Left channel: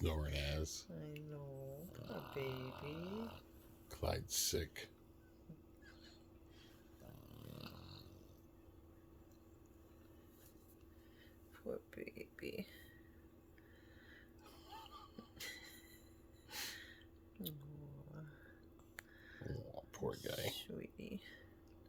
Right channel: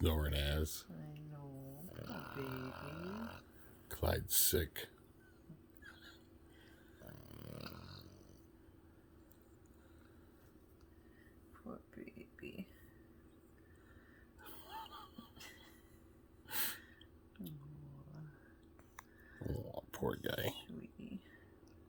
snoring ass. I know. Poor baby. Clyde's sick.